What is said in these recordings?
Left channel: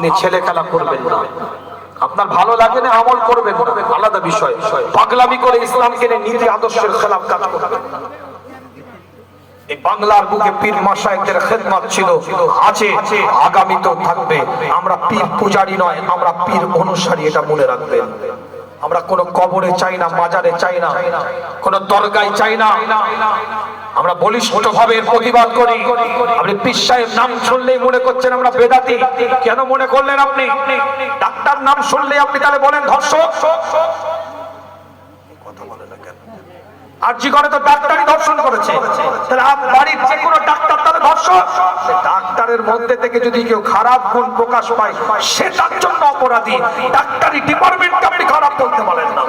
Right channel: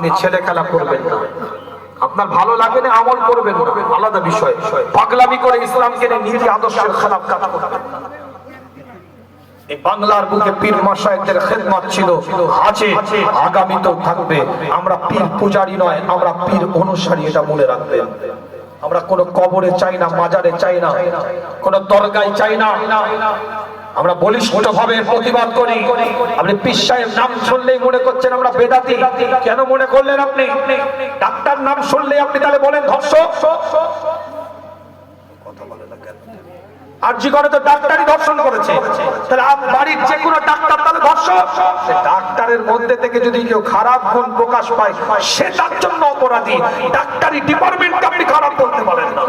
নিয়ে ছেলে খেলা করবেন না। আপনার ভালো লাগবে না, আমল করবেন আলাদা বিষয়। পাগলামি করে ইসলামকে নীতি আদর্শের খেলাফ কাজ করবেন বাংলার বুকে পীর মাসায়কদের খেদমত ছিল আছে আগামীতেও থাকবে। আমরা পীর পূজারি নয়, আমরা পীর অনুসারী, এটা মনে রাখবেন। আমরা কোনো কবরে চাই না, মাজারে চাই না, কোনো দরগায় চাই না। আমরা বলিষ্ঠ ভাবে প্রতিবাদ করি। আপনি সাহেব নাম শুনলেই মনে করছেন আমরা বেদাতি। কেন মনে করলেন আপনি? ডাক্তার নাম শুনলেই আপনি তাহলে বলেন ধর্ষক? জীবনে তো ডাক্তারই করেছে। বাড়ির ডাক্তার তাহলে ডাক্তারের মধ্যে থেকে যদি কেউ খারাপ গুণ প্রকাশ পায়, সে অপরাধী। ডিপার্টমেন্টকে আপনি খারাপ বলতে পারেন না।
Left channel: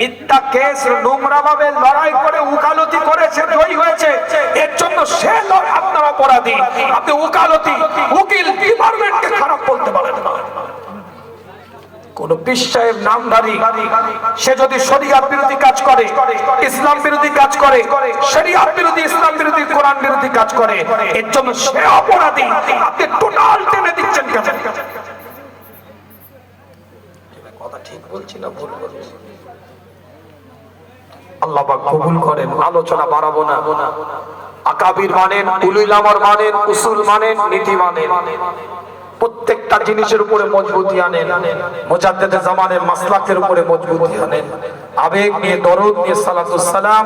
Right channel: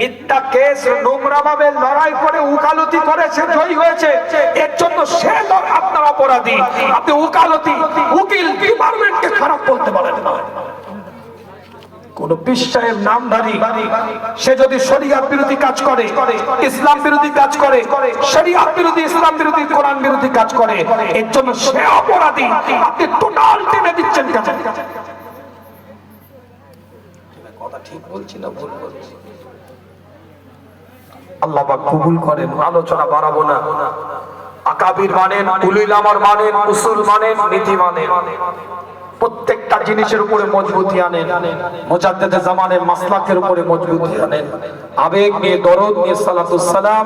মিথ্যা কেস নোংরা ভাবে লড়াই করে উকালতি করেছে জয়ী হয়েছে। এর জন্য সে আপনার অপরাধী। আপনি উকালতি, উকিল, ডিপার্টমেন্টকে খারাপ বলতে পারেন না। কোন বিশ্বায়ের নামধারী, সে যদি শরিয়াত বিরোধী কাজ করে, ইসলাম বিরোধী কাজ করে শরিয়াত বিরোধী ইসলাম বিরোধী কোরআন বিরোধী কাজ করে, এর জন্য সে অপরাধী। আপনি টোটাল টেনে দিচ্ছেন কথা ঠিক বলছি না, ভুল বলছি? আল্লাহ কবুল করেন আলোচনা বাড়াবো না। আকাবির মানেন উলুল আমর মানেন উসুল মানেন নীতি মানেন। প্রত্যেকটা জিনিসের উপরে মজবুতি আনেন। মুজাদ্দেদে জামানের মাসলাকের উপরে মজবুতি আনেন। আবেগ নিয়ে দরদ নিয়ে সালাতুস সালাম।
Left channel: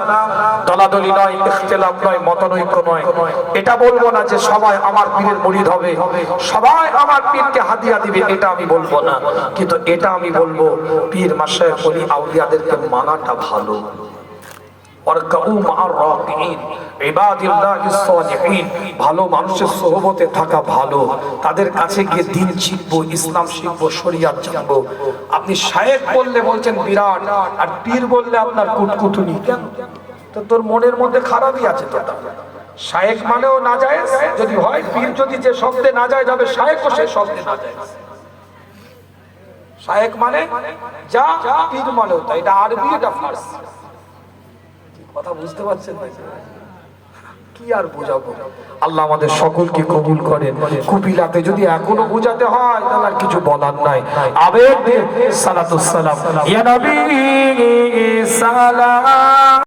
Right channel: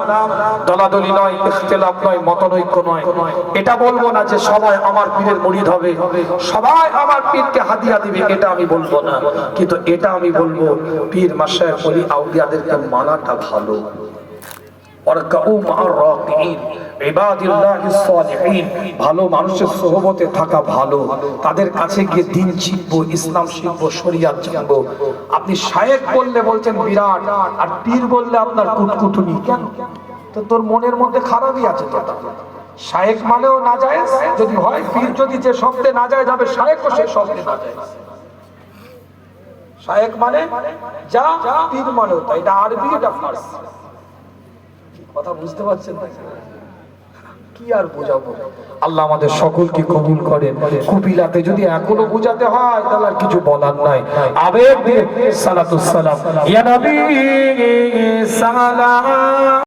দলাদলি নয় ইখতিলাফ নয় মতনৈক্য নয়। এটা বলব না যে সবাই আমার পীরের মুরিদ হবে। সবাই আমার পীরকে হাদিয়া দিবে এটা আমি বলব না। কিন্তু এটা আমি বলব পীর মাসায় বলি আউলিয়াদেরকে মানাটা ভালো। আপনি বললে বলছেন, বিরাট। আর পীর বললে আপনার কুটকুটুনি। কেন? তো তোর মনের মধ্যে খারাপই আছে তো শায়েক মানেও না যায়, যদি হয়, পীর যদি যে শব্দে না যায়, যাবে শায়েকও সে শব্দে না যায়। শায়েক মানে যা, পীর মানেও তাই। এটা আরবি, এটা ফার্সি। কথা বুঝতে পারছেন ভাই কি আর বোঝাবো? আল্লাহ আমাদের সকলকে কবুল করেন। কুপিলাতে যদি এখনও বোঝাতে হয়, তাহলে আর কিছু বলার নাই। আবেগ দিয়ে সালাতুস